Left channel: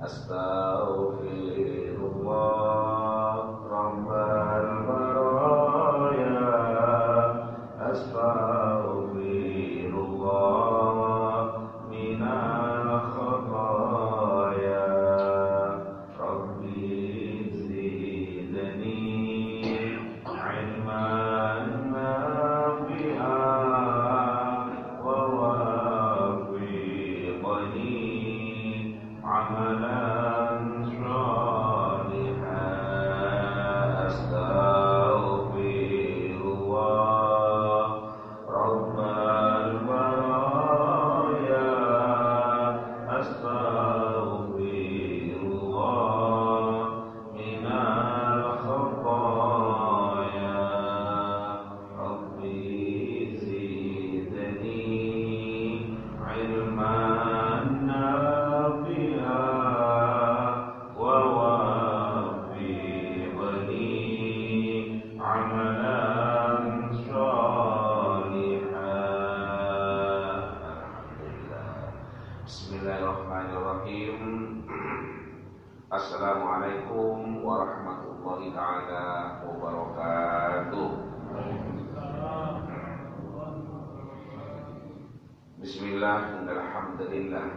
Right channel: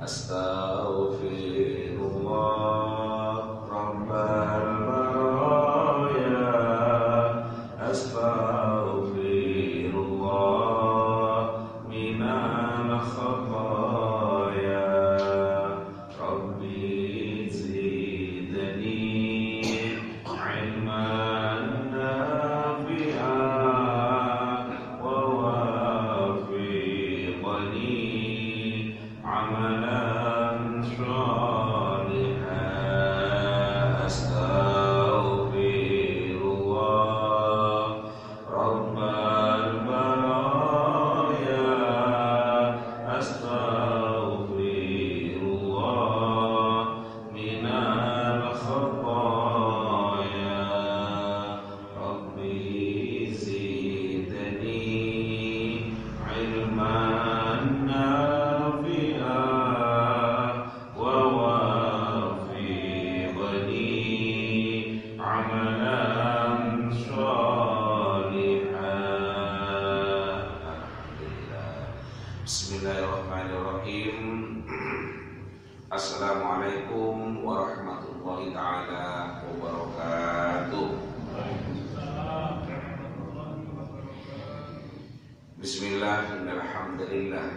Astaghfirullah Rabbal baraya. Astaghfirullah minal khataya. Rabbi zidni ilman nafi'an wa wafiqni amalan shalihan. Astaghfirullah Rabbal baraya. Astaghfirullah minal khataya. Rabbi zidni ilman nafi'an wa wafiqni amalan shalihan. Alhamdulillah. Bismillahirrahmanirrahim. Assalamualaikum warahmatullahi ta'ala wabarakatuh. Bismillah, alhamdulillah,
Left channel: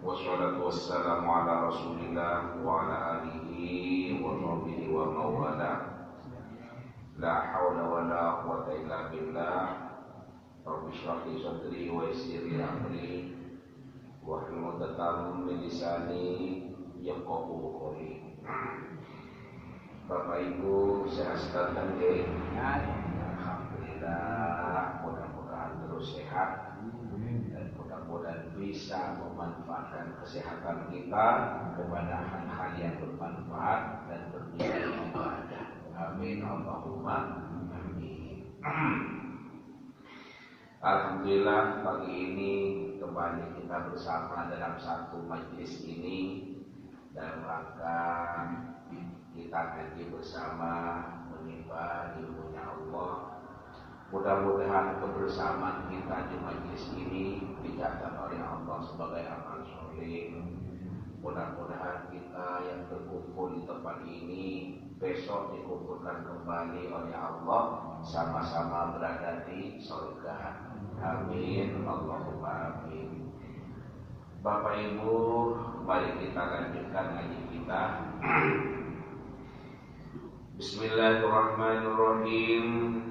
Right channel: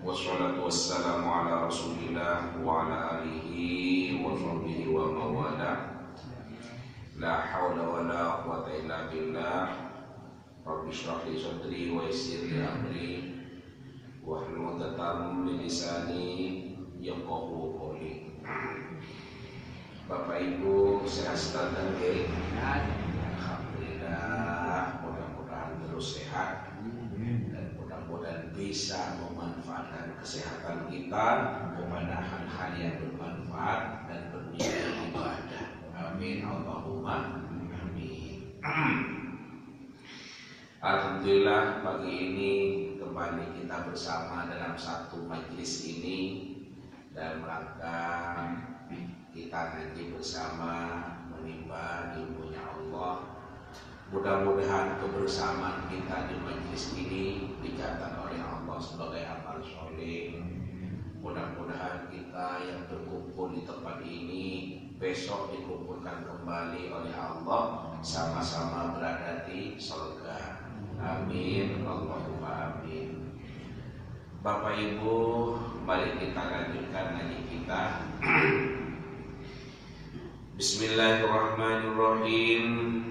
wassalatu wassalamu ala rasulillah wa ala alihi wa sahbihi wa mawala. La hawla wa la quwata illa billah. Rabbi shrah li sadri wa yassir li amri wahlul 'uqdatam min lisani yafqahu qawli. Bapak Ibu sehat dan baik. Alhamdulillah, mudah-mudahan terus sehat dan mudah-mudahan bisa memanfaatkan kesehatan kita kepada hal-hal yang bermanfaat dan bernilai ibadah. Amin Allahumma amin. Alhamdulillah, pagi ini kembali kita bersama dalam satu majelis ini dalam rangka kita ngaji bersama menimba ilmunya Allah. Mudah-mudahan kebersamaan kita di majelis ini dicatat oleh Allah sebagai amal soleh. Mudah-mudahan kita yang berkumpul di tempat ini besok dikumpulkan kembali oleh Allah sama-sama berada di surga. Amin Allahumma amin. Bapak Ibu, mari kita lanjutkan ngaji kita. Bismillahirrahmanirrahim.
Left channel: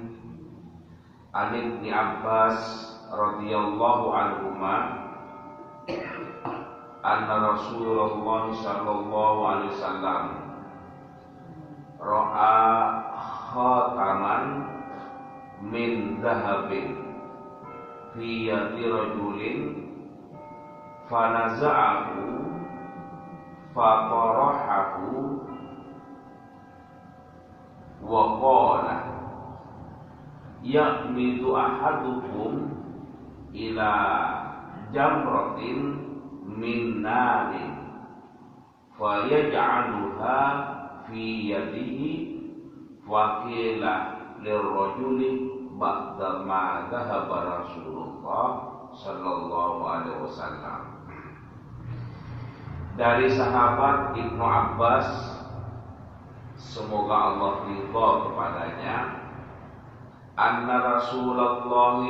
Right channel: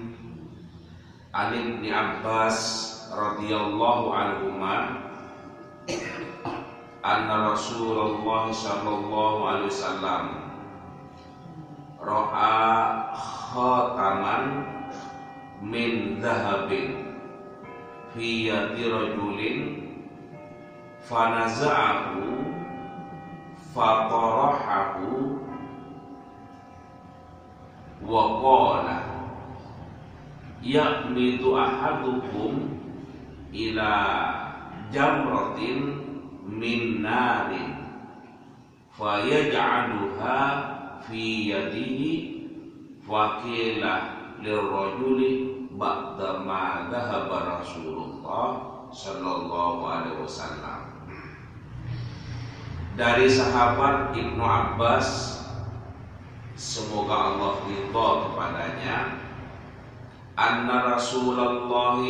An Ibnu Abbas radhiyallahu anhuma anna Rasulullah sallallahu alaihi wasallam ra'a khataman min dhahabin fi yadi rajulin fanaza'ahu fatarahahu wa qala ya'midu ahadukum ila jamratin min narin fayaj'aluha fi yadihi faqila lirrajuli ba'da ma dhahaba Rasulullah sallallahu alaihi wasallam. Dari sahabat Ibnu Abbas, semoga Allah ridha kepadanya, anna Rasulullah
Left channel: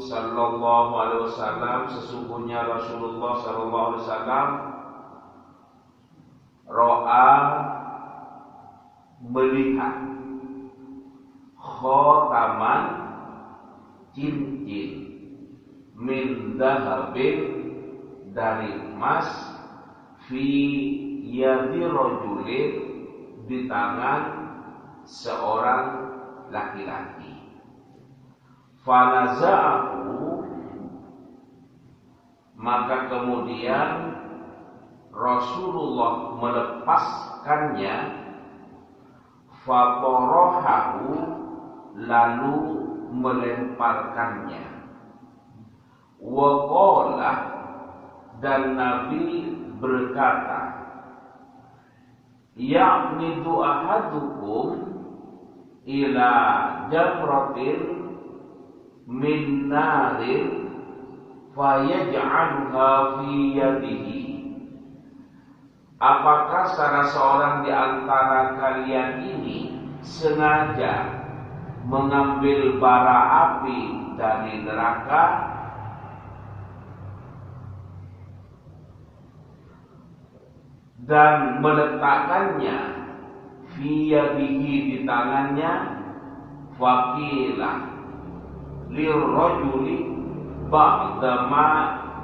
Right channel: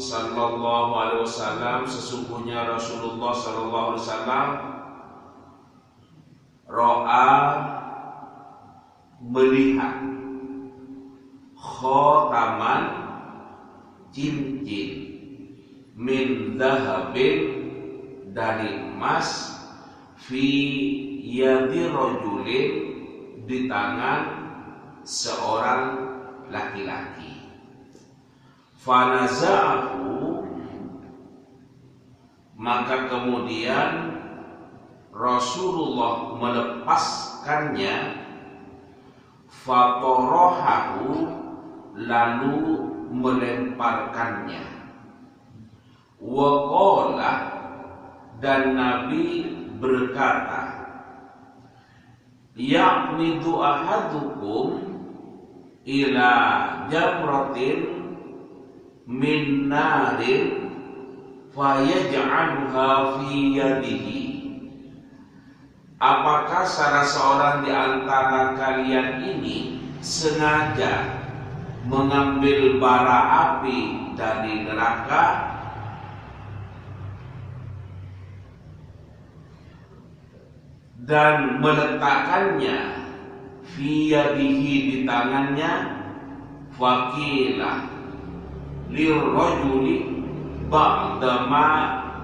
sallallahu alaihi wasallam, sesungguhnya Rasulullah sallallahu alaihi wasallam ra'a, melihat, khataman, cincin, min dhahabin, dari emas, fi yadi rajulin, di tangan seorang laki-laki. Fanaza'ahu, maka kemudian Rasulullah melepaskannya, fatarahahu, lalu melemparkannya, wa qala, dan Nabi berkata, ya'midu ahadukum ila jamratin min narin fayaj'alha fi yadihi. apakah salah seorang di antara kalian ini sengaja mengambil bara api dari neraka dan meletakkannya fi yadihi di tangannya? Faqila lirrajuli ba'dama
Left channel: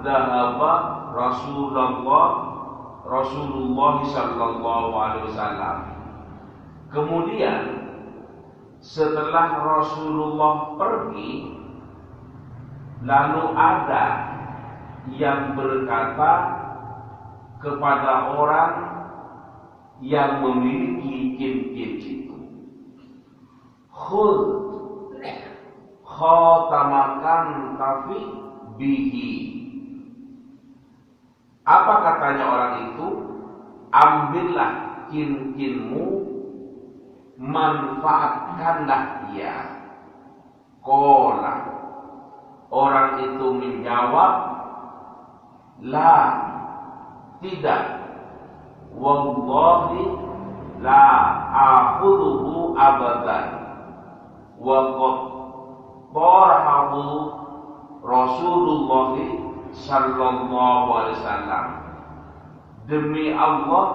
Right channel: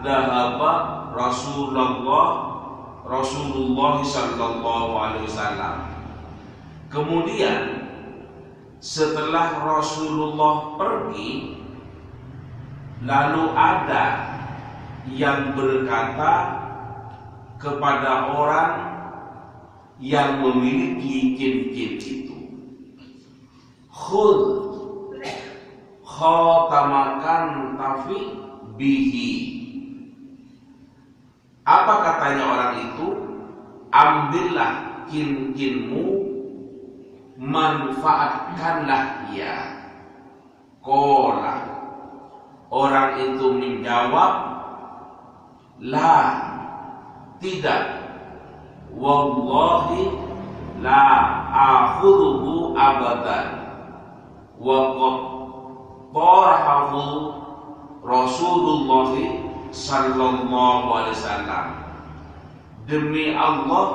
dhahaba Rasulullah sallallahu alaihi wasallam. Kemudian setelah Rasulullah pergi, lalu ada yang berkata kepada orang yang memiliki jin-jin itu, khudh khotamakan tafi bihi. Apa katanya orang itu? Ambillah jin-jinmu, manfaatkanlah ia. Qala, orang itu menjawab, la, tidak, wallahi la akhudhu abadan wa qad tarahu Rasulullah sallallahu alaihi wasallam. Demi Allah,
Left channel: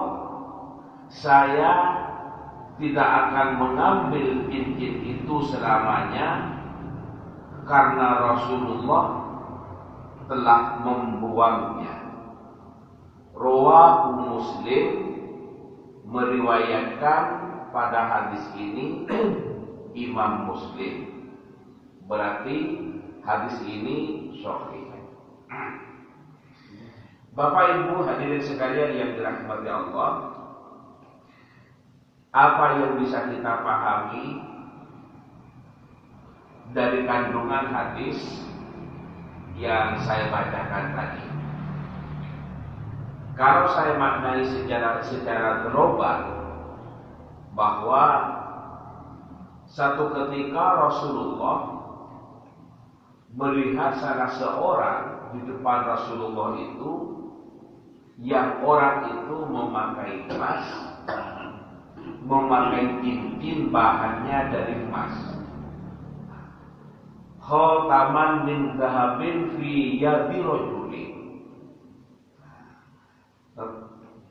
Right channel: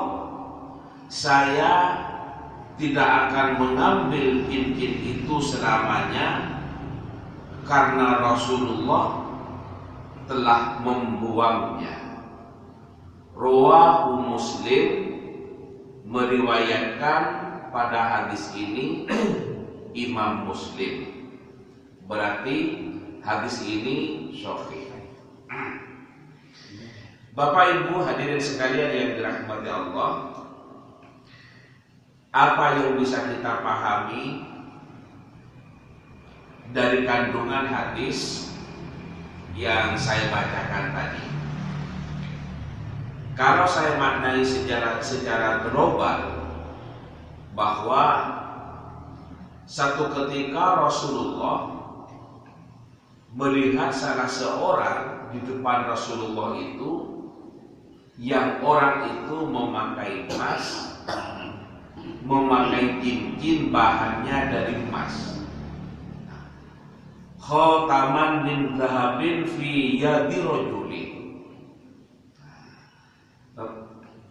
saya tidak akan mengambil jin-jin itu selamanya, karena Rasulullah telah membuangnya. Rawahu Muslim, meriwayatkan pada hadis ini Imam Muslim. Berarti hadis ini sahih. Bapak Ibu hadirin sekalian yang dirahmati Allah, apa yang bisa kita pahami dari kandungan hadis yang saya bacakan tadi? Kalau saya maknai secara global, bahwa satu ketika Rasulullah melihat salah seorang di depan Rasulullah itu, yang orang itu memakai emas, memakai cincin bahannya dari emas. Khotaman min dhahabin fi yadi rajuli.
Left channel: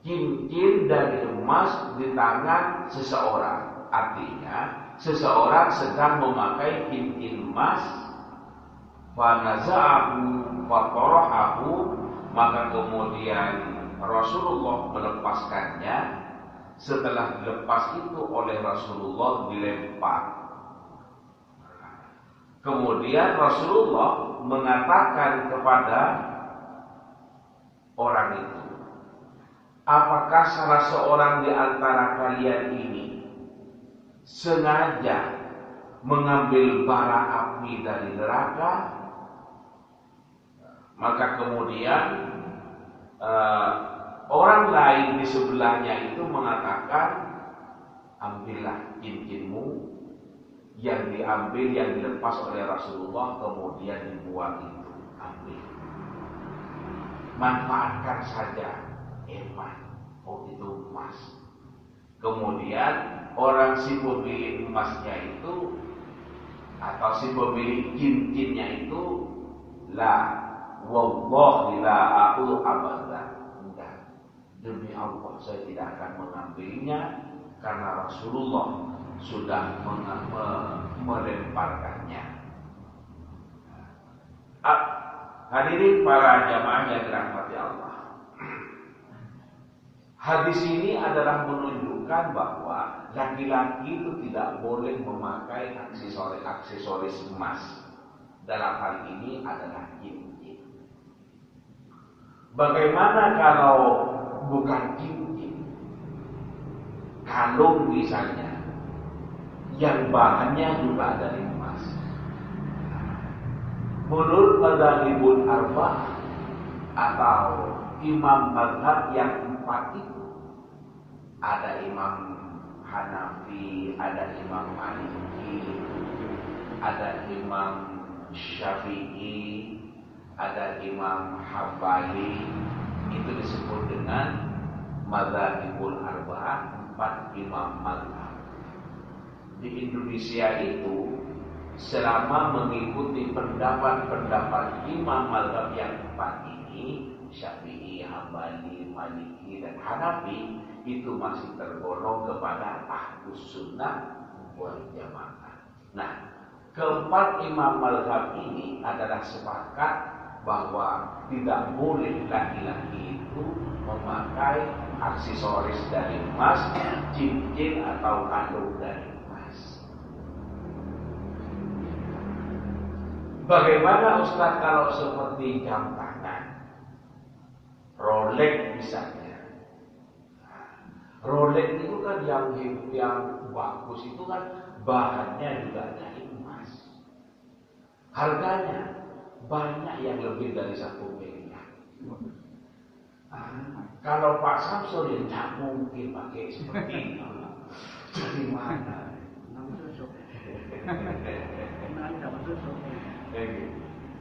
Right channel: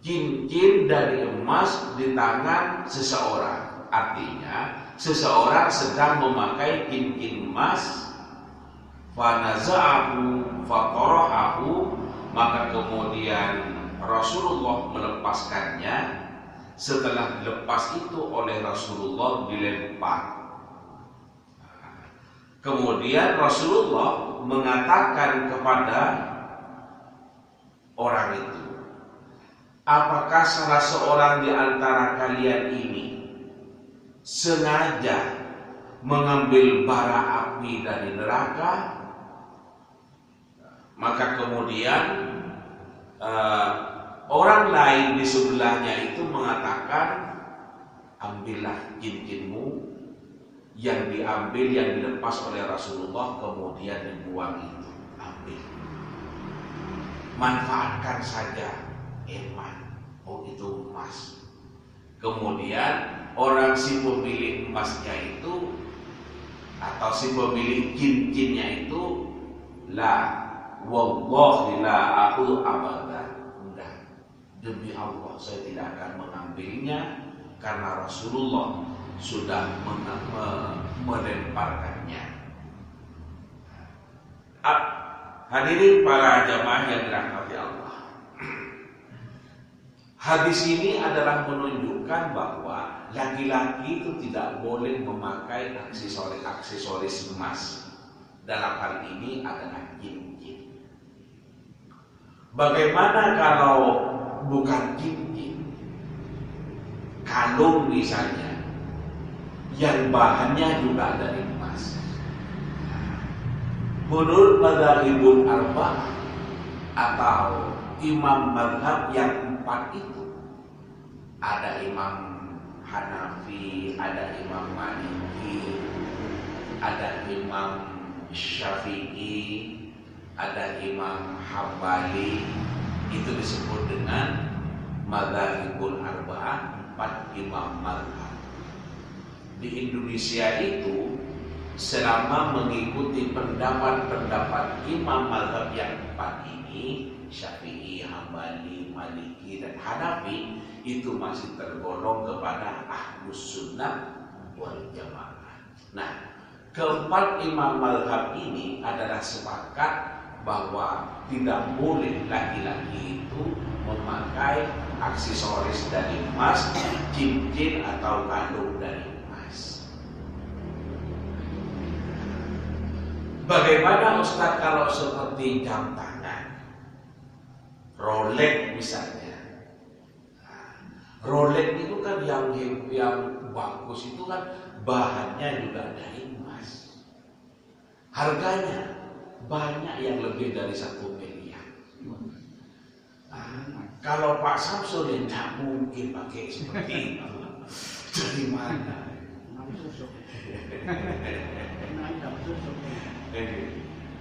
Cincin dari emas di tangan seseorang. Artinya seseorang sedang memakai cincin emas, fanaza'ahu fatarahahu, maka kemudian Rasulullah melepaskannya. Setelah dilepas itu oleh Rasulullah, dilempar. Kemudian Rasulullah mengatakan kepada orang itu, apakah salah seorang di antara kalian ini sengaja mengambil bara api dari neraka? Maka kemudian orang lain di sebelahnya itu mengatakan, ambillah cincinmu. Yang diambil, yang dilepas oleh Rasulullah kemudian dibuang itu, ambil, manfaatkan saja, eman, oh itu emas. Kemudian orang si pemilik emasnya itu, atau si pemilik cincinnya itu, la, wallahi la aku abadan, enggak, demi Allah saya tidak akan mengambilnya, karena Rasulullah sudah melemparkannya. Hadirin para jamaah yang dirahmati Allah, hadis ini adalah menunjukkan bahwa laki-laki itu tidak boleh memakai aksesoris emas. Dalam hal ini adalah cincin. Bagaimana kalau bukan cincin, kalung misalnya, yang bahannya juga dari emas? Menurut madzhabul arba'ah atau imam mazhab yang 4 itu, ada Imam Hanafi, ada Imam Maliki, ada Imam Syafi'i, ada Imam Hambali, itu disebut dengan madzhabul arba'ah, 4 imam mazhab. Di Indonesia itu selama mengikuti pendapat-pendapat imam mazhab yang 4 ini, Syafi'i, Hambali, Maliki, dan Hanafi, itu masih tergolong kepada Ahlus Sunnah wal Jamaah. Nah, keempat imam mazhab ini adalah sepakat bahwa tidak boleh laki-laki itu memakai aksesoris dari emas, cincin atau kalung dari emas. Bagaimana Ustaz kalau seperti jam tangan, Rolex misalnya? Rolex itu kan yang bagus itu kan bahannya juga dari emas. Harganya banyak yang lebih dari 1 miliar. Kalau Pak Samsul tidak mungkin pakai seperti itu. Dari mana?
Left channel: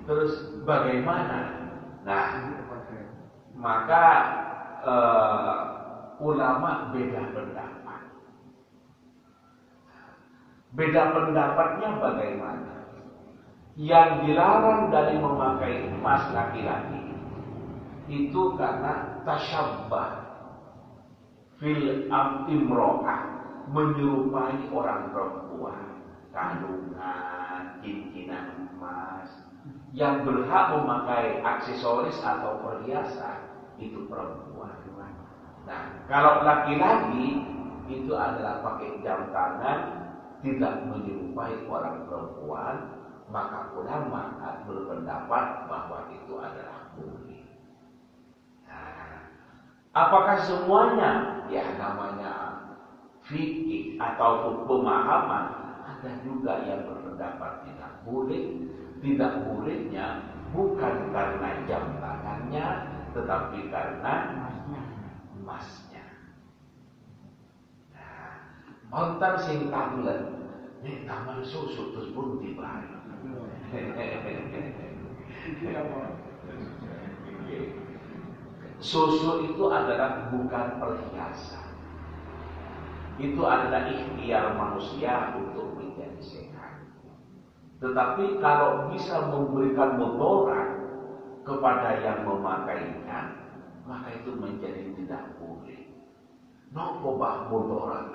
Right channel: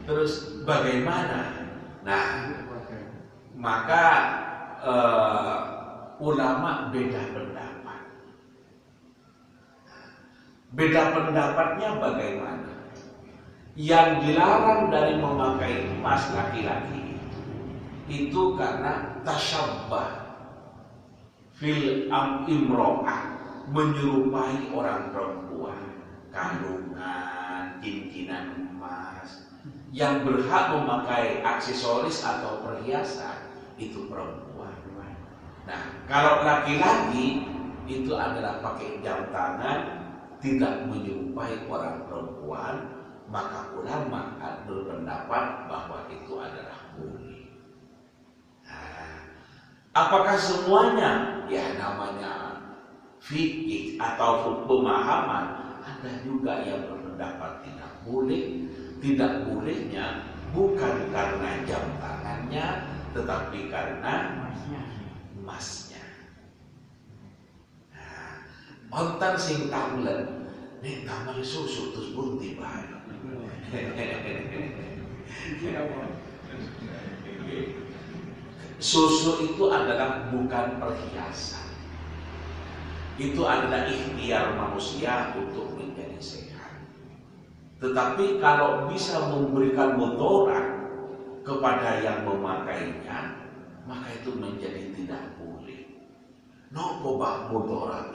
Terus bagaimana? Nah, maka ulama beda pendapat. Beda pendapatnya bagaimana? Yang dilarang dari memakai emas laki-laki itu karena tasyabbah fil imro'ah, menyerupai orang perempuan, kalungan, cincinan emas. Yang berhak memakai aksesoris atau perhiasan itu perempuan. Nah, kalau laki-laki itu adalah pakai jam tangan, tidak menyerupai orang perempuan, maka ulama berpendapat bahwa itu adalah boleh. Nah, apakah semuanya? Ya, namanya fikih atau pemahaman. Ada juga yang berpendapat tidak boleh. Tidak bolehnya bukan karena jam tangannya, tetapi karena emasnya. Nah, ontan sing tanglen, nih tamal susu terus bunti bae. Susu itu adalah bukan perhiasan. Itu adalah ikhtiar manusia untuk menjadi sehat. Tetapi kalau bisa memberikan mudarat kepada yang memakainya, maka itu menjadi tidak boleh. Nopo bak mudarat,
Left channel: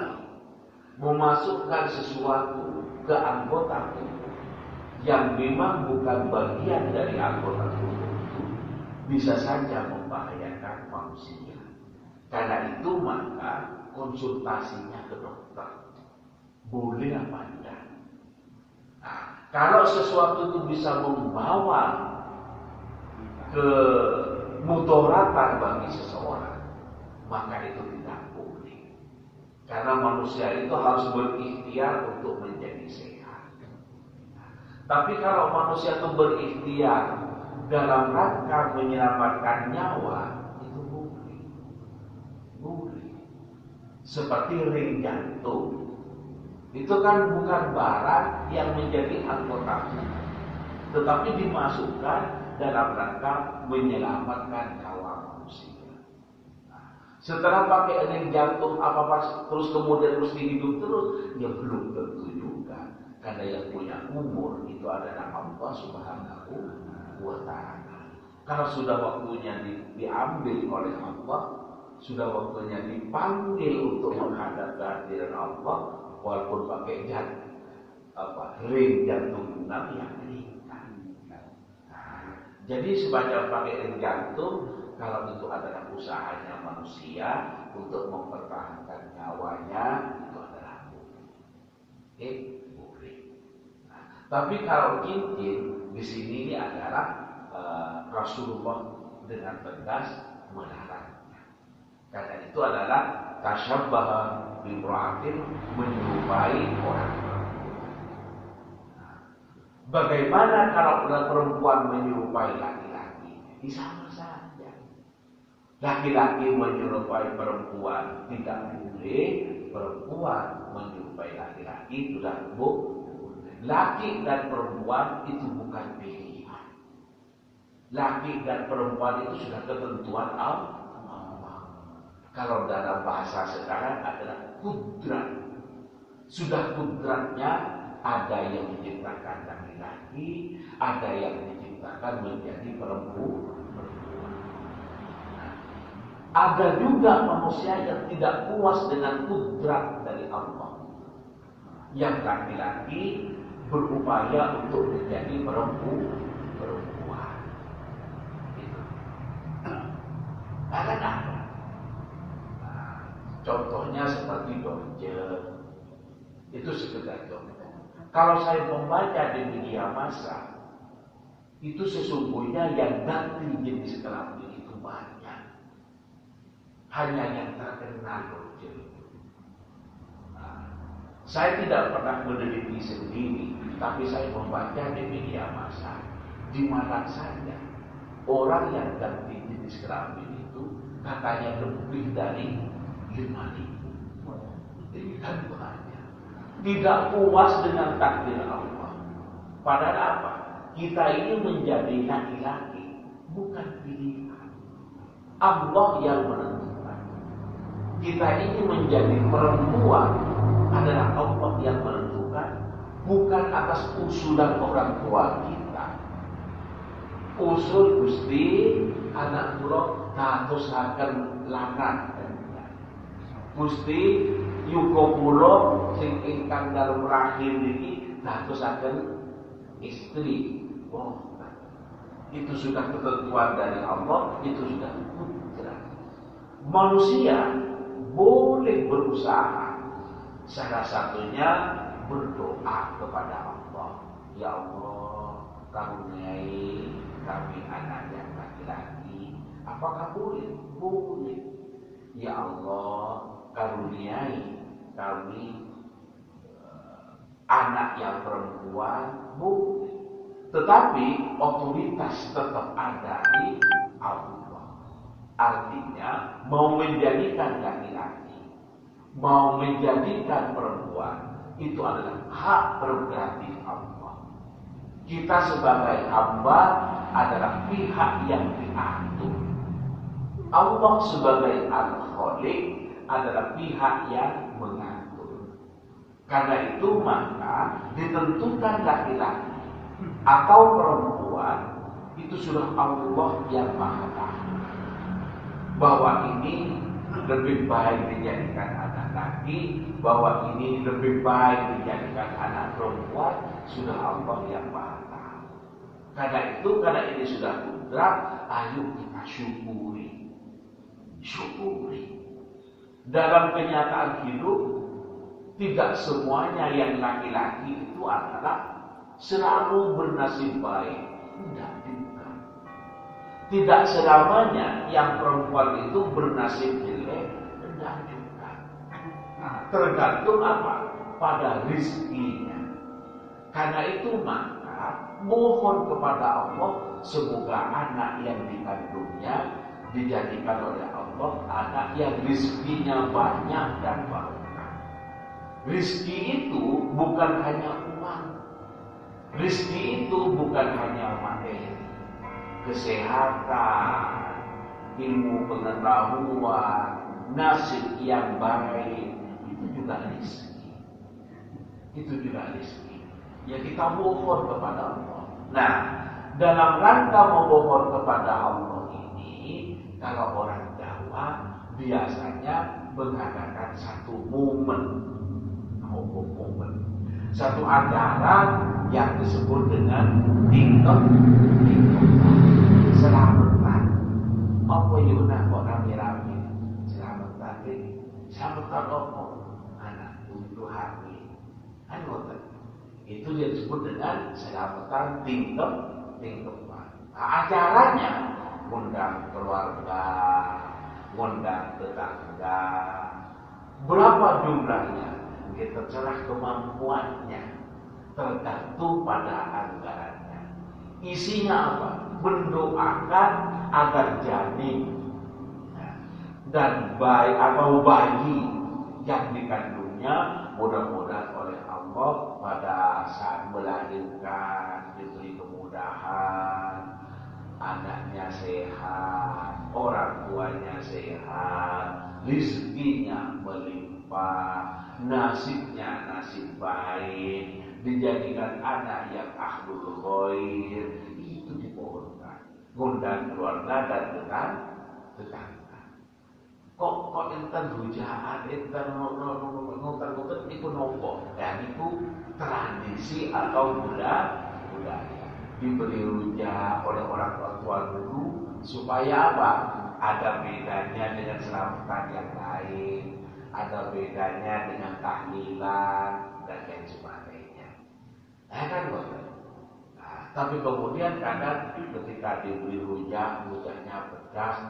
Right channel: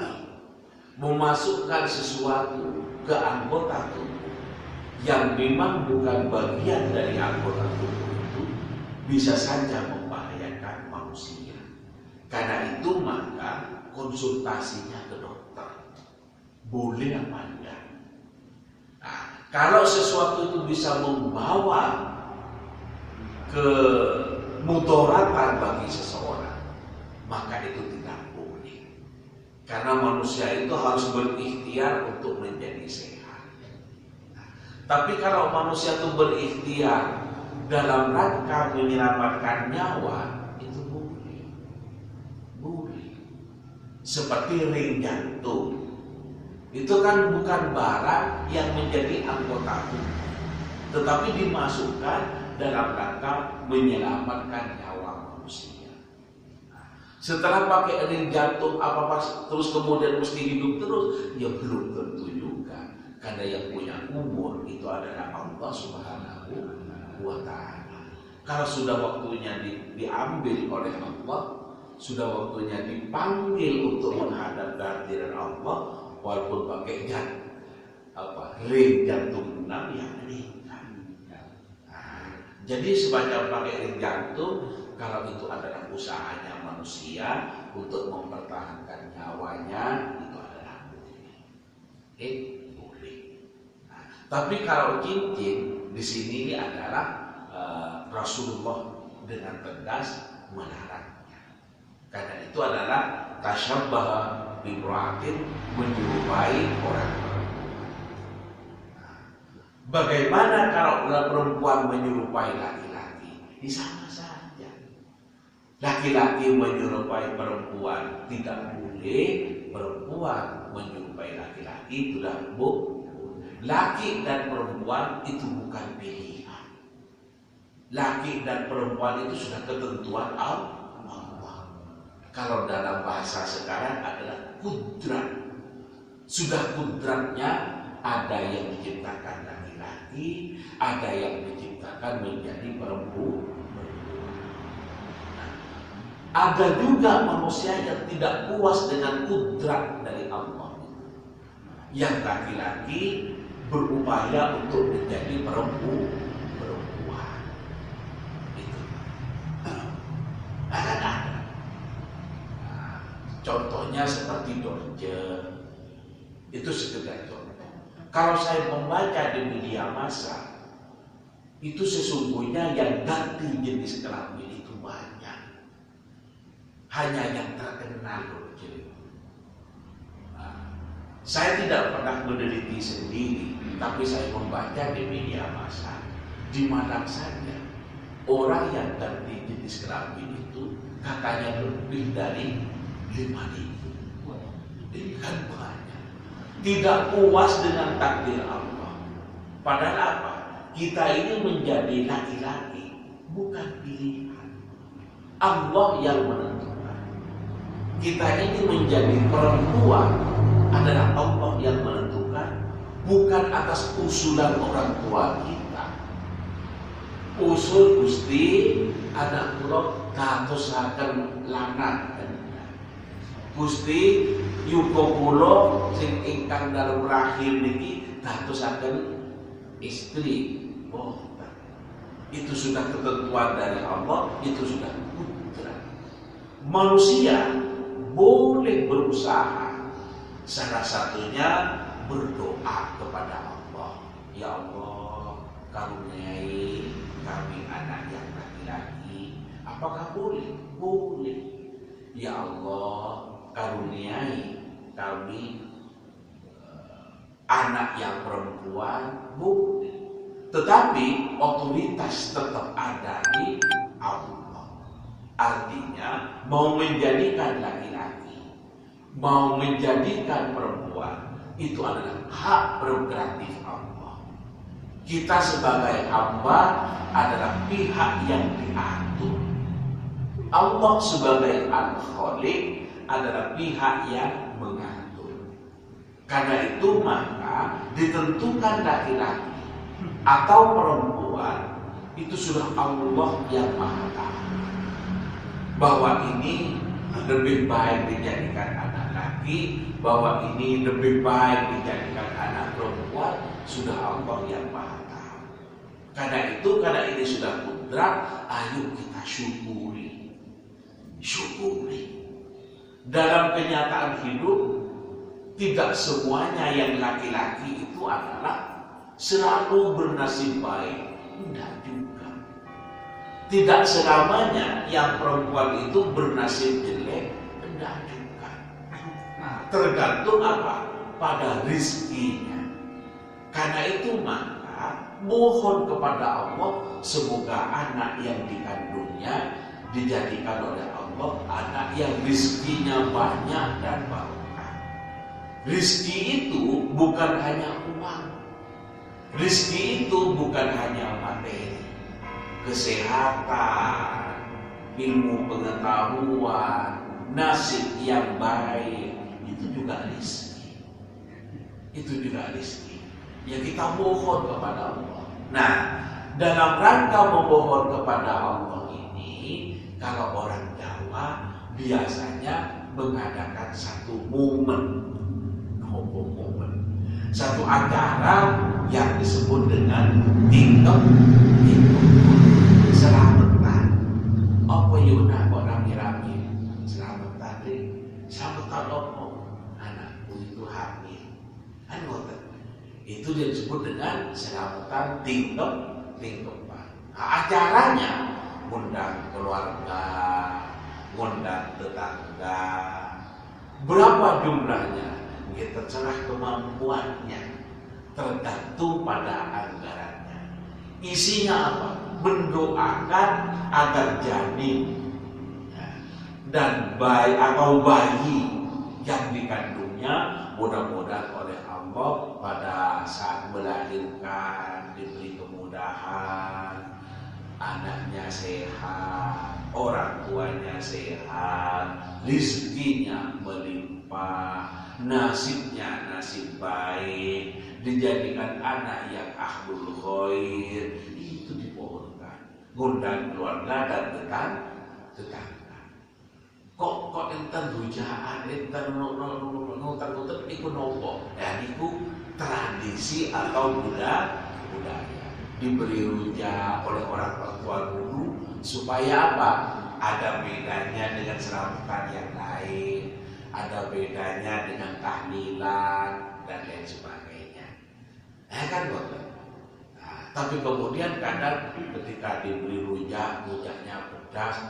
memasukkan sesuatu ke anggota tubuh yang memang bukan bagian dari anggota tubuh itu bisa saja membahayakan manusia. Karena itu maka konsultasinya ke dokter. Boleh apa enggak? Nah, kalau sesuatu itu bisa membawa ke mudaratan bagi seseorang, maka itu tidak boleh. Karena manusia itu harus berikhtiar untuk menjadi sehat. Tapi kalau manusia itu berikhtiar dalam rangka menyelamatkan nyawa, itu boleh. Boleh. Seperti ring jantung. Itu kan bukan barang yang menjadi anggota tubuh, tetapi dimasukkan dalam rangka menyelamatkan nyawa manusia. Setelah pakai ring jantung apa terus kemudian mesti hidup terus, ya belum tentu juga. Karena yang punya umur itu adalah Allah Subhanahu wa Ta'ala. Kalau sudah waktunya diambil oleh Allah, sudah waktunya dipanggil untuk menghadap kehadiran Allah, walaupun pakai ring jantung enam, ya meninggal. Jadi semacam pakai ring jantung, kalau itu adalah usahanya manusia untuk mempertahankan nyawanya, itu adalah boleh. Tapi kalau cincin di sini ini adalah Rasulullah dengan tegas melarangnya. Karena itu adalah tasyabbaha bimra'atin, menyerupai orang perempuan. Bagaimana kalau perempuan menyerupai laki-laki? Di sama saja. Laki-laki menyerupai perempuan tidak boleh, perempuan menyerupai laki-laki tidak boleh. Laki dan perempuan itu bukan pilihan. Laki dan perempuan itu sudah ketentuan Allah. Kalau dalam bahasa sekarang adalah kudrat. Sudah kudratnya ada yang diciptakan laki-laki, ada yang diciptakan menjadi perempuan. Ada juga manusia yang tidak puas dengan kudrat dari Allah. Yang laki-laki berupaya untuk menjadi perempuan. Itu. Ada. Contohnya seperti Dorje. Itu sekedar contoh. Kalau saya membaca di media massa, itu sesungguhnya yang ganti jenis kelamin itu banyak. Hanya yang terkenal Dorje. Saya tidak pernah meneliti sendiri, tapi saya membaca di media massa. Di mana saja orang yang ganti jenis kelamin itu katanya lebih dari 5.000. Ini kan banyak. Tidak puas dengan takdir Allah. Padahal apa? Kita ini menjadi laki-laki, bukan pilihan. Allah yang menentukan. Kita ini menjadi perempuan adalah Allah yang menentukan, bukan atas usulan orang tua kita. Usul Gusti anak kula dadosaken lanang. Gusti yuga kula sing ingkang dalem rahim niki dadosaken istri. Oh, itu sudah ketentuan dari Allah, itu sudah kudrat. Manusia boleh berusaha, salah satunya berdoa kepada Allah. Ya Allah, karuniai kami anak yang laki-laki. Apakah boleh? Boleh. Ya Allah, karuniai kami anak yang perempuan, boleh. Tetapi otoritas tetap ada di Allah. Artinya mau menjadikan laki-laki, mau menjadikan perempuan, itu adalah hak prerogatif Allah. Kita sebagai hamba adalah pihak yang diatur. Allah sebagai Al-Khaliq adalah pihak yang mengatur. Karena itu maka ditentukan laki-laki atau perempuan itu sudah Allah yang Maha Tahu. Bahwa ini lebih baik dijadikan anak laki, bahwa ini lebih baik dijadikan anak perempuan, sudah Allah yang Maha Tahu. Karena ini sudah kudrat, ayo kita syukuri. Dalam kenyataan hidup, tidak semuanya yang laki-laki itu adalah selalu bernasib baik. Tidak juga. Tidak selamanya yang perempuan itu bernasib jelek. Tidak juga. Nah, tergantung apa? Pada rizkinya. Karena itu maka mohon kepada Allah, semoga anak yang dikandungnya dijadikan oleh Allah anak yang rizkinya banyak dan barokah. Rizki itu bukan hanya uang. Rizki itu bukan hanya materi. Kesehatan, ilmu pengetahuan, nasib yang baik, itu juga rizki. Itu juga rizki. Ya kita mohon kepada Allah. Nah, dalam rangka memohon kepada Allah ini, kalau orang Jawa biasanya mengadakan satu momen, satu acara yang disebut dengan tingkep selamatan. Apa yuna orang rame selamatan deh, selamatan apa? Anakku itu hamil. Itu dia disebut dengan selamatan tingkepan. Nah, acaranya ngundang keluarga, ngundang tetangga. Berapa jumlahnya? Kita terserah kemampuannya, tergantung pada anggarannya. Isinya apa? Mendoakan agar janin dan bayi atau bayi yang dikandungnya mudah-mudahan oleh Allah pada saat melahirkan diberi anaknya sehat, orang tuanya sehat, rezekinya melimpah, nasibnya nasib baik, dijadikan anak yang ahlul khair, itu dipohonkan, ngundang keluarga dan tetangga. Kok enten rujaan, enten nuter iku nopo? Dan itu tradisi atau budaya diberi rujak oleh orang tua dulu supaya apa? Ada bedanya dengan seramkan yang lain, ada bedanya dengan tahlilan dan lain sebagainya. Kan bukan? Tapi kemudian kadang ketika diberi rujaknya pedas,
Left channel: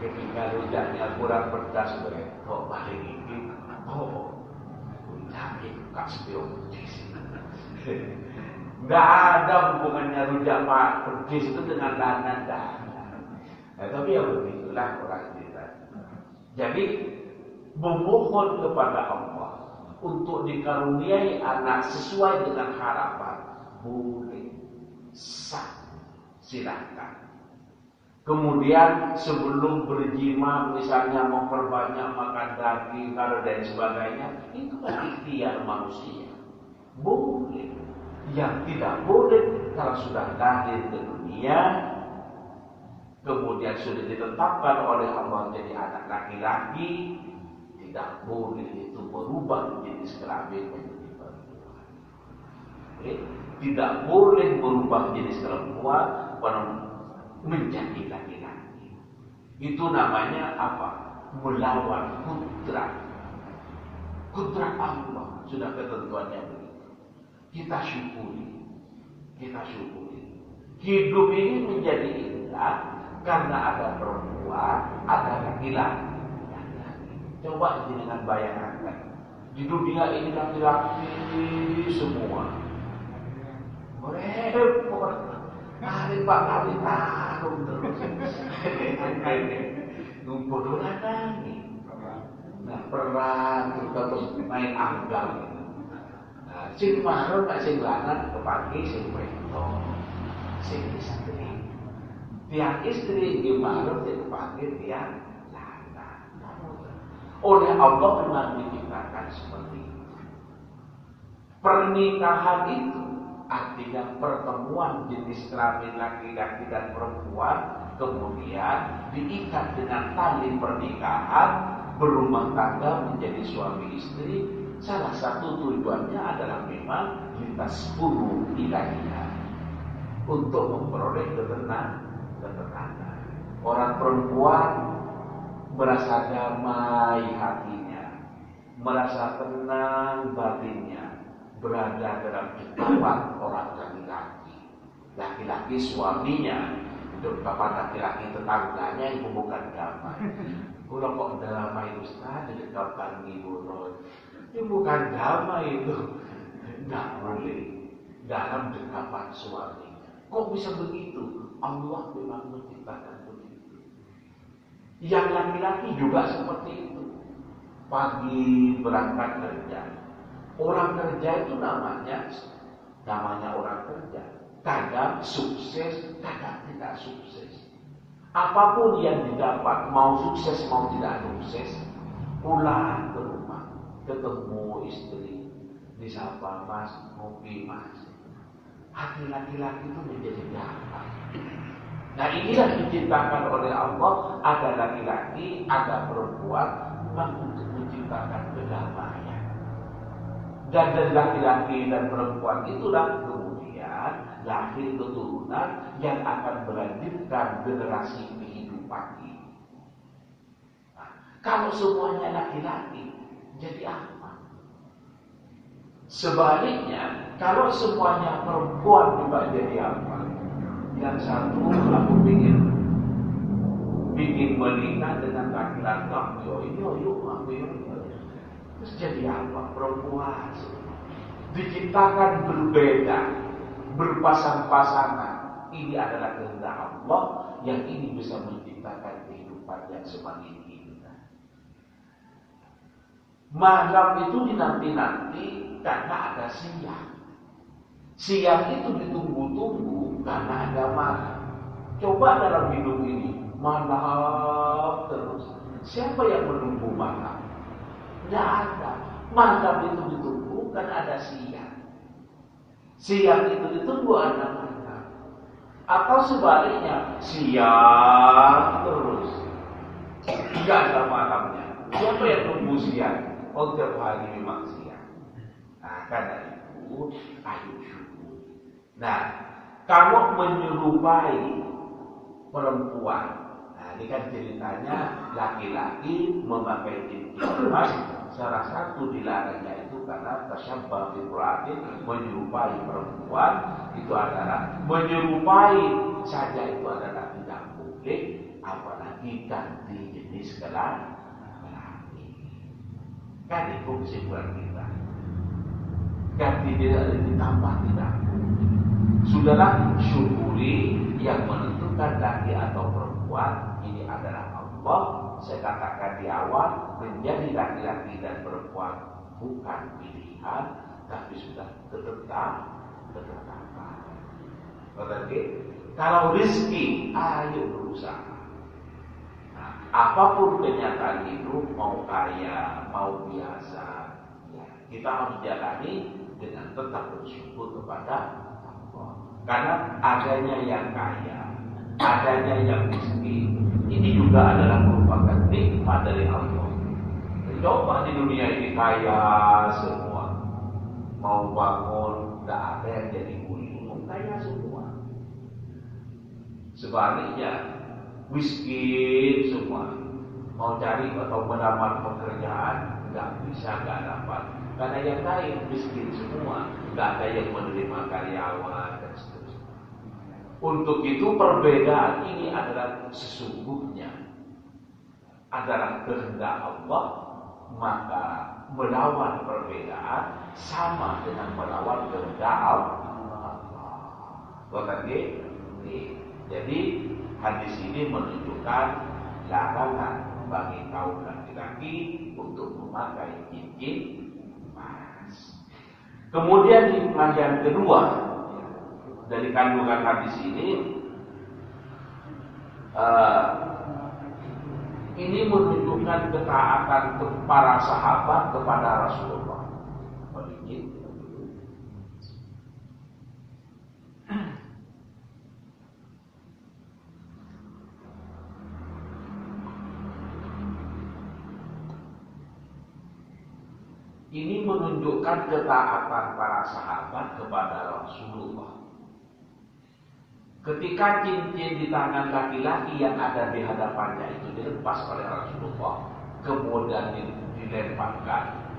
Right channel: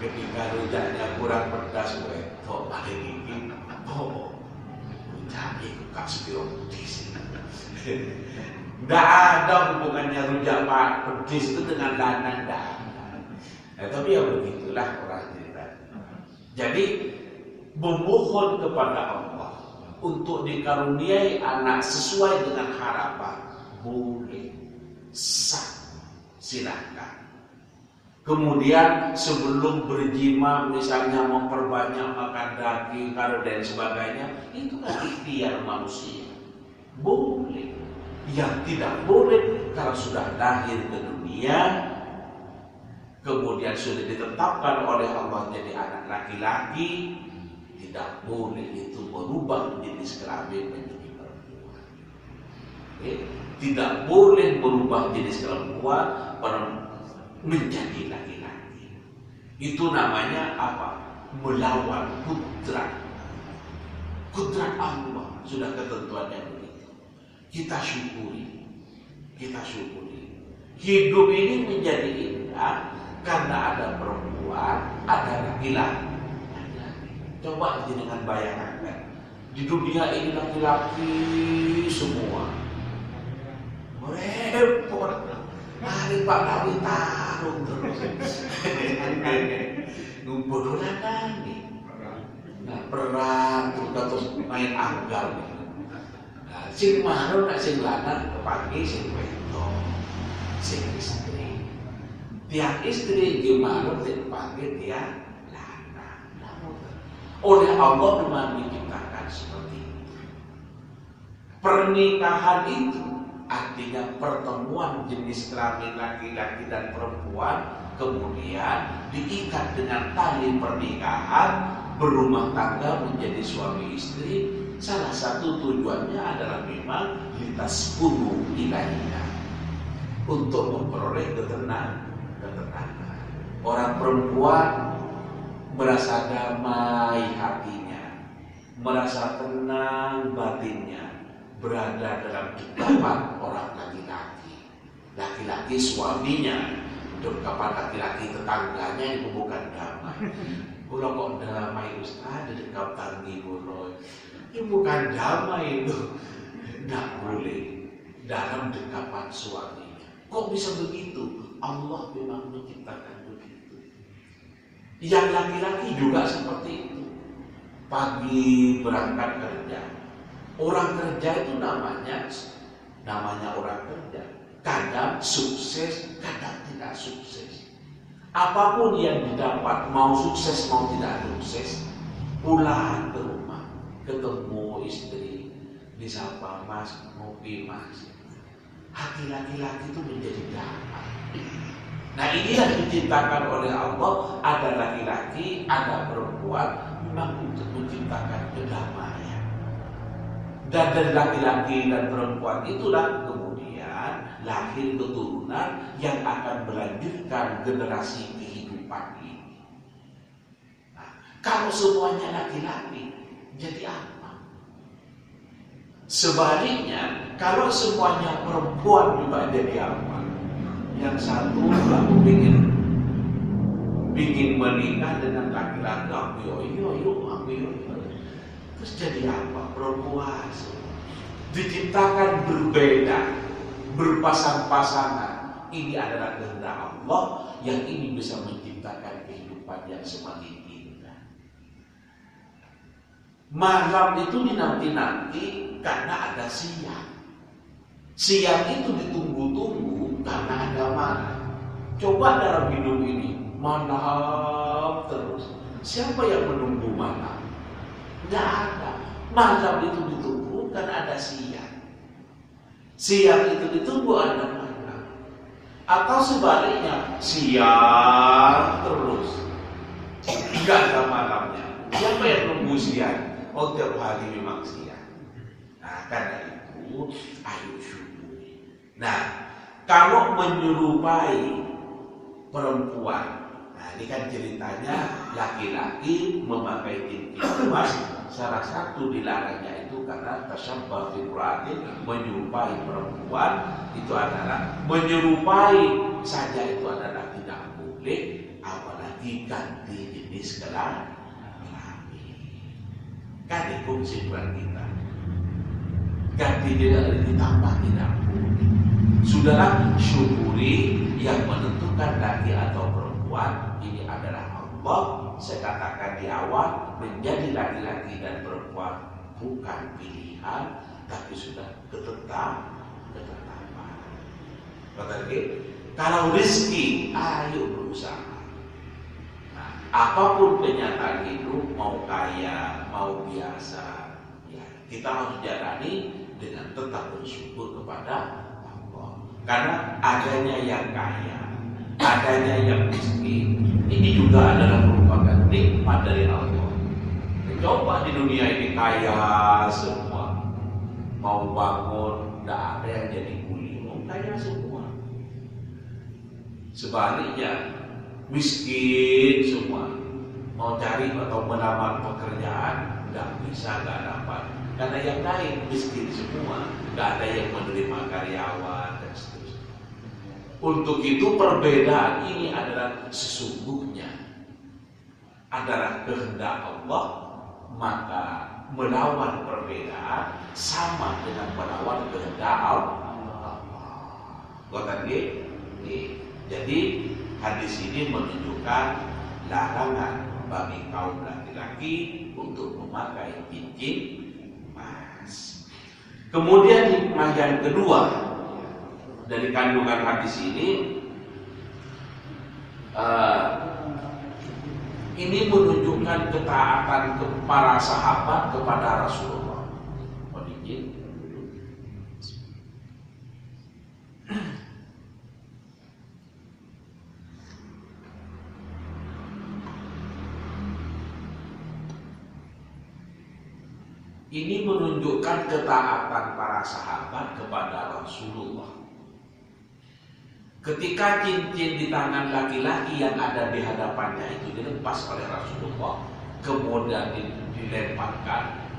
ketika rujaknya kurang pedas, kok paling ini, rujaknya kasih pedis. Tidak ada hubungannya rujak pedis itu dengan dana. Tapi ya begitulah orang cerita. Jadi memohon kepada Allah untuk dikaruniai anak sesuai dengan harapan, boleh, sah, silakan. Kemudian sebelum berjima misalnya memperbanyak makan daging dan sebagainya, itu kan ikhtiar manusia, boleh. Yang tidak boleh kalau sudah lahir ke dunia, kemudian sudah ditetapkan oleh Allah jadi anak laki-laki, tidak boleh itu berubah jenis kelamin menjadi perempuan. Tidak boleh berubah jenis perempuan menjadi laki-laki. Itu namanya apa? Melawan kudrat Allah. Sudah ketentuannya begitu. Kita syukuri. Hidup ini menjadi indah karena ada perempuan, ada laki-laki. Coba dengan bayangan, di dunia ini laki-laki semua. Repot. Hari Pak Dawi tarung terus. Ngumpul nih. Nah, perang terus main anggar. Sing mahrum nak sing lanang pagi sing wedok, sing istri. Tiap istri nggih mahrum sing pagi tiap lanang. Oleh Allah memang diciptakan seperti itu. Pernikahan itu artinya pertemuan jenis kelamin laki-laki dan perempuan, kemudian diikat dengan tali pernikahan, berumah tangga menjadi suami istri. Salah satu tujuannya adalah memang litaskunu ilaiha, untuk memperoleh ketenangan. Orang perempuan merasa damai hatinya, merasa tenang batinnya, berada dalam dekapan orang laki-laki. Laki-laki suaminya, dekapan laki-laki tetangganya itu bukan damai. Kalau kok damai Ustaz di dekat tanggi boloi. Ini bukan damai itu, tidak boleh dalam dekapan suaminya. Kok bisa begitu? Allah memang menciptakan begitu. Yang laki-laki juga seperti itu. Pagi berangkat kerja. Orang kerja itu namanya orang kerja. Kadang sukses, kadang tidak sukses. Apapun yang didapat, mau sukses mau tidak sukses, pulang ke rumah, ketemu istri, disapa Mas, ngopi Mas. Hati laki-laki itu menjadi damai. Nah, inilah diciptakan oleh Allah, ada laki-laki, ada perempuan, memang untuk menciptakan kedamaian. Dan dari laki-laki dan perempuan itulah kemudian lahir keturunan yang akan melanjutkan generasi kehidupan ini. Nah, kalau semuanya laki-laki, jadi apa? Sebaliknya, kalau semuanya perempuan juga jadi apa? Yang satu aku bikin menikah dengan laki-laki, terus jadi apa? Perempuan diciptakan berbeda, berpasang-pasangan. Ini adalah kehendak Allah yang ini bisa menciptakan kehidupan yang semakin indah. Malam itu dinanti-nanti karena ada siang. Siang itu ditunggu-tunggu karena ada malam. Coba dalam hidup ini, malam terus. Siapa yang menunggu malam? Tidak ada. Malam itu ditunggu kan ada siang. Siang itu ditunggu ada malam. Atau sebaliknya, siang terus, tidak ada malamnya. Siapa yang nunggu siang? Oh, tiap hari memang siang. Nah, karena itu ayo syukuri. Nah, kalau menyerupai perempuan, nah ini kan ceritanya laki-laki memakai cincin emas. Salah satu dilarangnya itu karena tasyabbah bil qur'atin, menyerupai perempuan itu adalah menyerupai saja itu adalah tidak boleh, apalagi ganti jenis kelamin. Kan itu kesimpulan kita. Ganti tidak ditambah tidak boleh. Sudahlah, syukuri yang menentukan laki atau perempuan ini adalah Allah. Saya katakan di awal, menjadi laki-laki dan perempuan bukan pilihan, tapi sudah ketetapan. Kalau rezeki, ayo berusaha. Nah, apapun kenyataan hidup, mau kaya, mau biasa, ya, kita harus jalani dengan tetap bersyukur kepada Allah. Karena adanya yang kaya, adanya yang miskin, ini juga adalah merupakan nikmat dari Allah. Coba di dunia ini kaya semua, mau bangun, tidak ada yang jadi kuli, mau kaya semua. Sebaliknya, miskin semua, mau cari atau melamar pekerjaan, tidak bisa, tidak dapat. Karena yang lain miskin semua, tidak ada yang menerima karyawan dan seterusnya. Untuk itu perbedaan ini adalah sesungguhnya adalah kehendak Allah, maka melawan perbedaan sama dengan melawan kehendak Allah. Jadi hadis ini menunjukkan larangan bagi kaum laki-laki untuk memakai cincin emas. Kemudian hikmah yang kedua dari kandungan hadis ini menunjukkan ketaatan para sahabat kepada Rasulullah. Ini menunjukkan ketaatan para sahabat kepada Rasulullah. Ketika cincin di tangan laki-laki yang ada di hadapannya itu dilepas oleh Rasulullah, kemudian dilemparkan,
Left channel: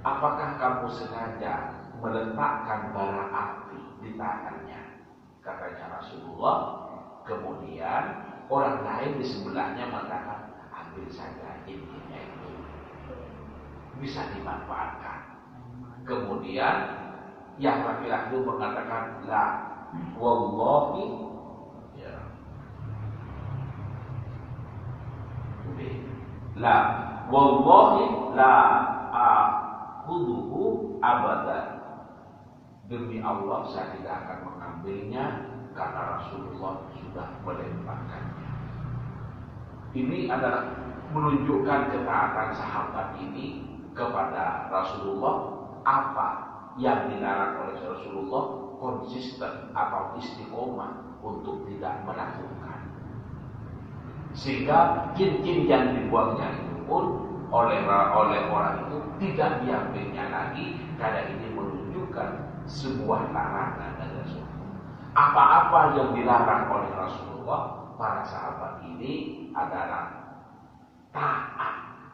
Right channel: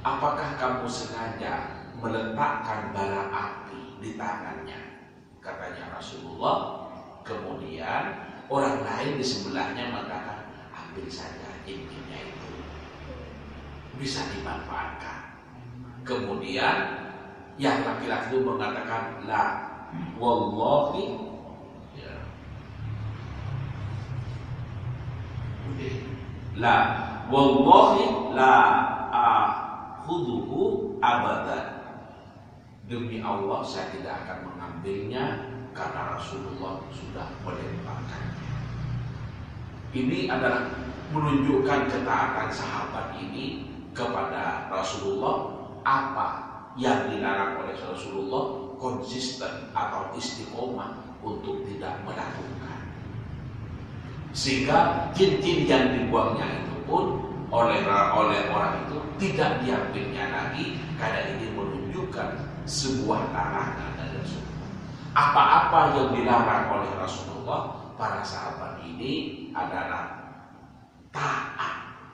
apakah kamu sengaja meletakkan bara api di tangannya? Katanya Rasulullah. Kemudian orang lain di sebelahnya mengatakan, ambil saja cincinnya itu, bisa dimanfaatkan. Kemudian yang laki-laki itu mengatakan, la wallahi, ya, la wallahi la akhuduhu abadan. Demi Allah saya tidak akan mengambilnya karena Rasulullah sudah melemparkannya. Ini adalah menunjukkan ketaatan sahabat ini kepada Rasulullah. Apa yang dilarang oleh Rasulullah konsisten atau istiqomah untuk tidak melakukan, sehingga cincin yang dibuangnya itu pun oleh orang itu tidak diambilnya lagi, karena ini menunjukkan sebuah larangan dari Rasulullah. Apa-apa yang dilarang oleh Rasulullah, para sahabat ini adalah taat,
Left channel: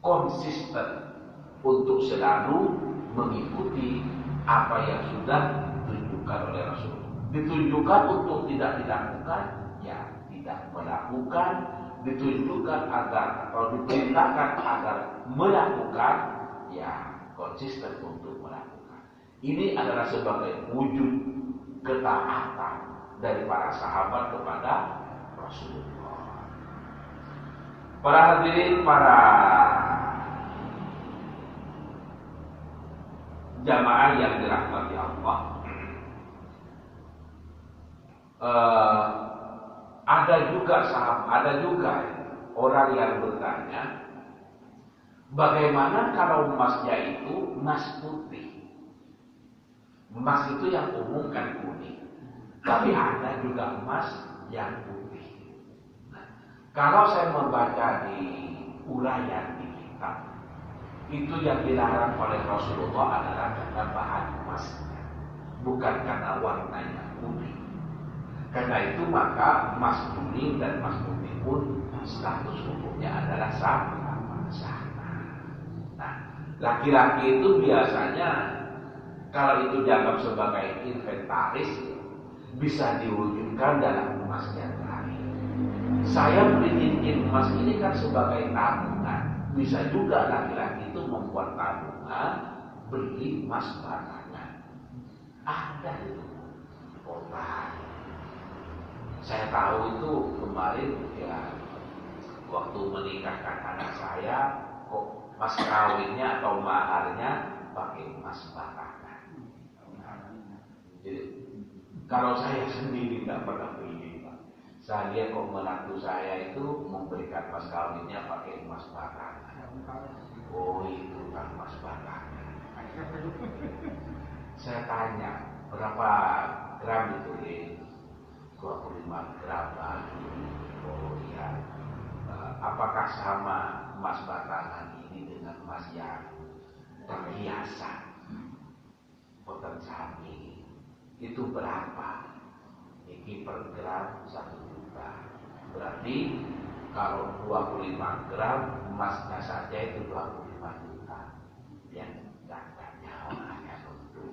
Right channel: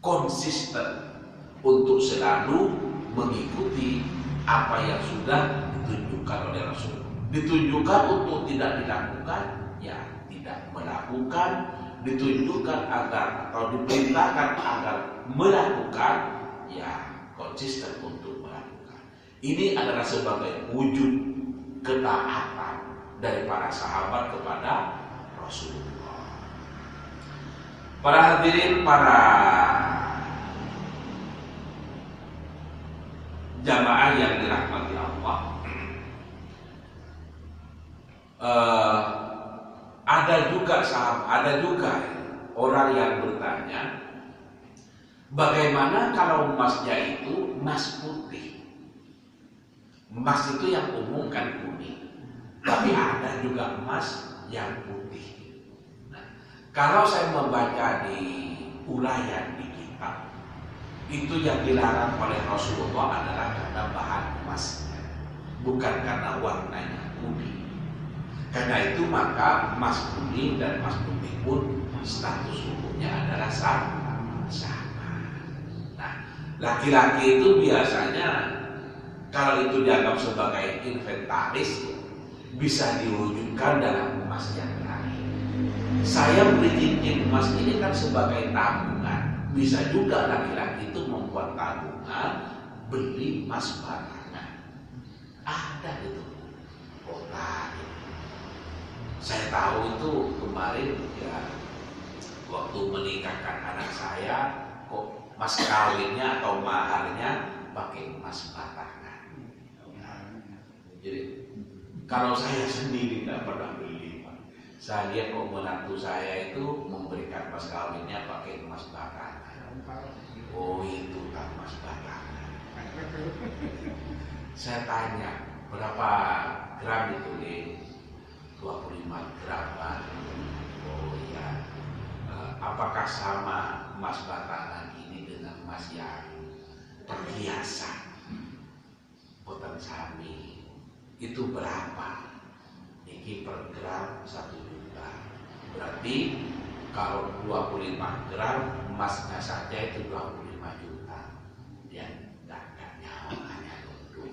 konsisten untuk selalu mengikuti apa yang sudah ditunjukkan oleh Rasul. Ditunjukkan untuk tidak dilakukan, ya tidak melakukan. Ditunjukkan agar atau diperintahkan agar melakukan, ya konsisten untuk melakukan. Ini adalah sebagai wujud ketaatan dari para sahabat kepada Rasulullah. Para hadirin, para jamaah yang dirahmati Allah, Ada juga orang yang bertanya, bagaimana kalau emasnya itu emas putih? Emas itu yang umum kan kuning, tapi ada juga emas yang putih. Nah, kalau saya membaca di uraian di kitab, itu yang dilarang oleh Rasulullah adalah karena bahan emasnya, bukan karena warnanya kuning. Karena itu maka emas kuning dan emas putih pun status hukumnya adalah sama. Nah, laki-laki itu biasanya kalau itu dianggap sebagai inventaris, bisa diwujudkan dalam emas yang lain. Saya beli cincin emas ini kan sebagai tabungan. Bisa juga laki-laki itu membuat tabungan beli emas barangan. Ada itu kota. Saya tahu itu kemarin ya, waktu menikahkan anak saya, kok mas kawinnya atau maharnya pakai emas batangan. Jadi kalau saya sendiri tidak pernah beli, saya lihat kok menantu saya itu memberikan mas kawinnya pakai emas batangan. Oh itu kan emas batangan. Saya tanya berapa gram itu nih? 25 gram. Oh iya. Apakah sama emas batangan ini dengan emas yang perhiasan? Boten sami. Itu berapa? Ini per gram 1 juta. Berarti kalau 25 gram emasnya saja itu 25 juta. Ya, dagangnya hanya untuk.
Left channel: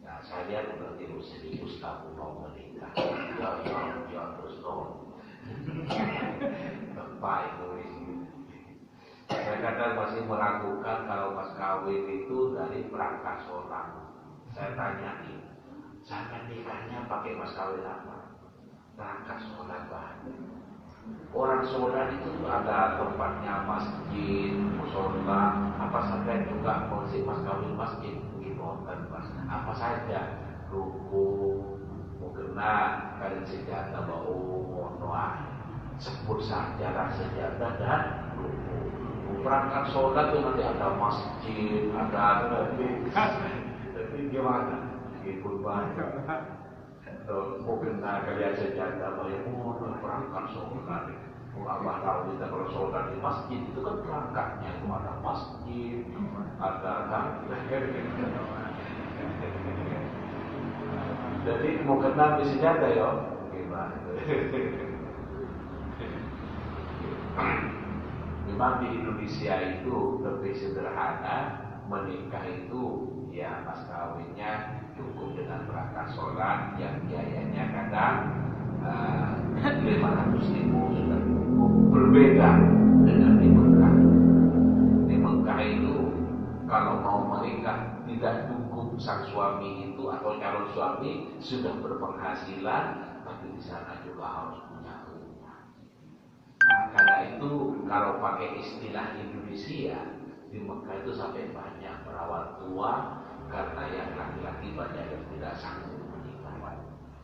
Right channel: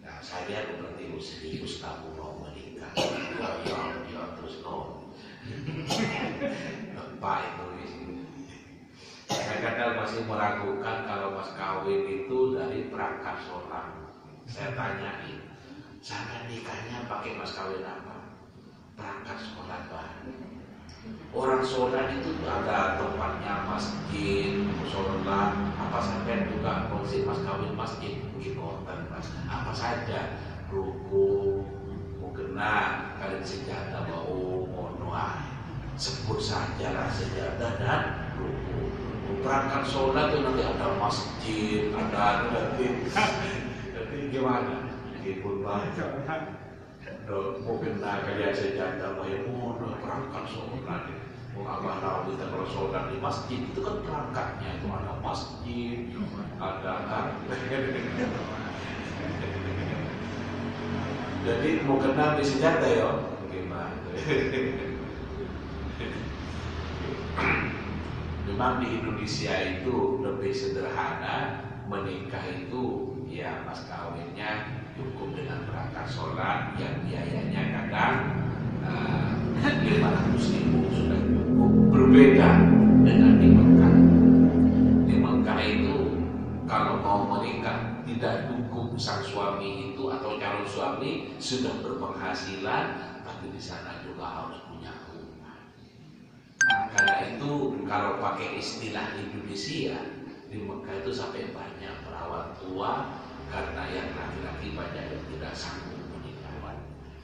Nah, saya berarti serius aku mau menikah. Ya terus dong. Bapak itu. Saya kadang masih meragukan kalau mas kawin itu dari perangkat sholat. Saya tanyain, saya nikahnya pakai mas kawin apa? Perangkat sholat bahan. Orang sholat itu ada tempatnya masjid, sholat, apa sampai juga konsep mas kawin masjid, gimotan mas. Apa saja, ruku, mukena, kalian sejadah bau, monoah. Sebut saja lah sejadah dan ruku. Perangkat sholat itu nanti ada masjid, ada gimana? Ikut banyak. Mungkin kalian sejadah bayar mohon perangkat sholat. Abah tahu kita kalau sholat di masjid itu kan perangkatnya itu ada masjid, ada jadi mau kena sejadah ya? Gimana? Memang di Indonesia itu lebih sederhana, menikah itu ya mas kawinnya cukup dengan perangkat sholat yang biayanya kadang 500.000 sudah cukup. Berbeda dengan di Mekah. Di Mekah itu kalau mau menikah tidak cukup sang suami itu atau calon suami sudah berpenghasilan, tapi di sana juga harus punya rumah. Karena itu kalau pakai istilah Indonesia, di Mekah itu sampai banyak perawat tua karena yang laki-laki banyak yang tidak sanggup menikah.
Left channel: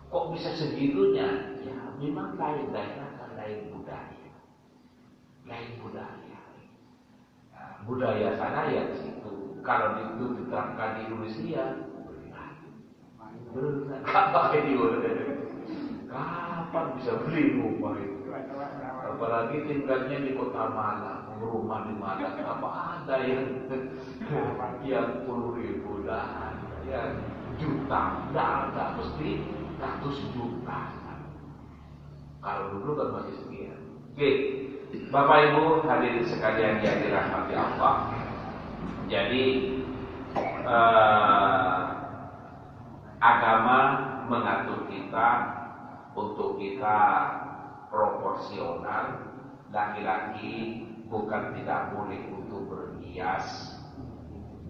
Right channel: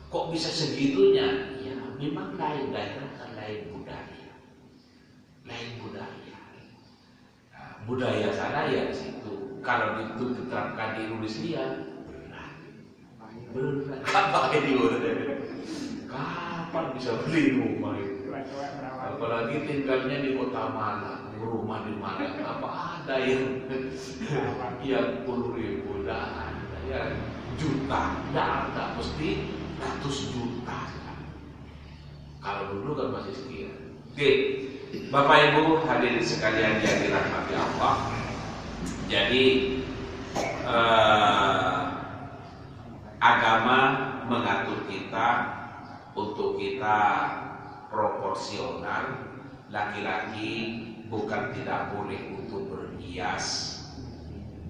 Kok bisa segitunya? Ya memang lain daerah dan lain budaya. Nah, budaya sana ya di situ. Kalau itu diterapkan di Indonesia berat. Kapan bisa beli rumah itu? Apalagi tinggalnya di kota Malang, rumah di Malang, apa ada yang 10.000 dah, ya juta, ya ada mesti ratus juta. Kalau dulu kan masih sekian. Oke, Bapak Ibu hadirin sekalian yang dirahmati Allah. Jadi agama mengatur kita untuk kita proporsional. Laki-laki bukan tidak boleh untuk berhias,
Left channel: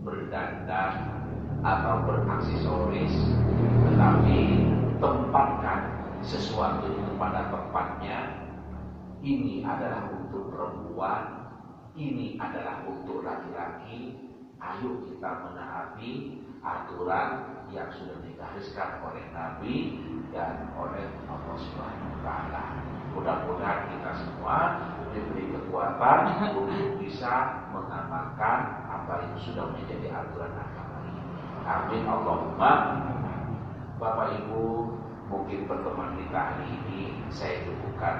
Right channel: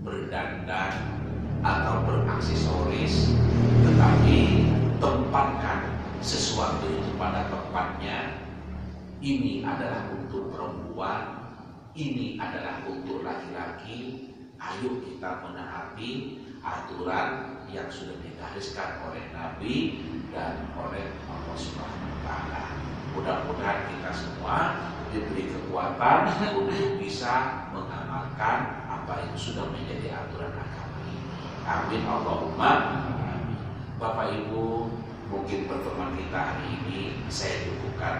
berdandan atau beraksesoris, tetapi tempatkan sesuatu itu pada tempatnya. Ini adalah untuk perempuan, ini adalah untuk laki-laki. Ayo kita menaati aturan yang sudah digariskan oleh Nabi dan oleh Allah Subhanahu wa Ta'ala. Mudah-mudahan kita semua diberi kekuatan untuk bisa mengamalkan apa yang sudah menjadi aturan agama ini. Amin Allahumma. Bapak Ibu, mungkin pertemuan kita hari ini saya cukupkan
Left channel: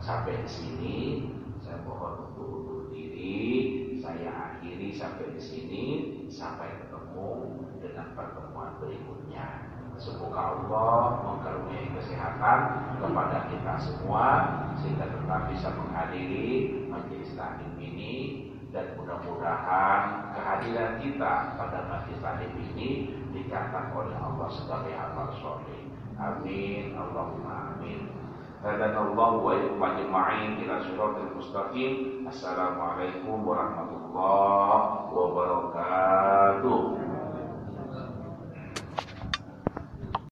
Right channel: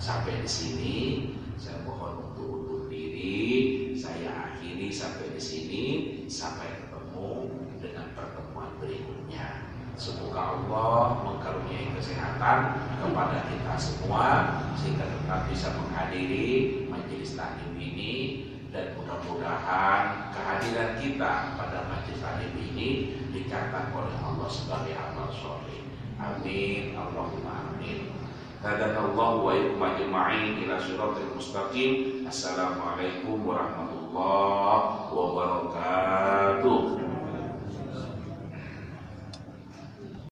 sampai di sini. Saya mohon untuk undur diri. Saya akhiri sampai di sini. Sampai ketemu dengan pertemuan berikutnya. Semoga Allah mengaruniai kesehatan kepada kita semua sehingga tetap bisa menghadiri majelis taklim ini, dan mudah-mudahan kehadiran kita pada majelis taklim ini dicatat oleh Allah sebagai amal soleh. Amin Allahumma amin. Hadanallahu wa iyyakum ajma'in ila shiratal mustaqim. Assalamualaikum warahmatullahi wabarakatuh.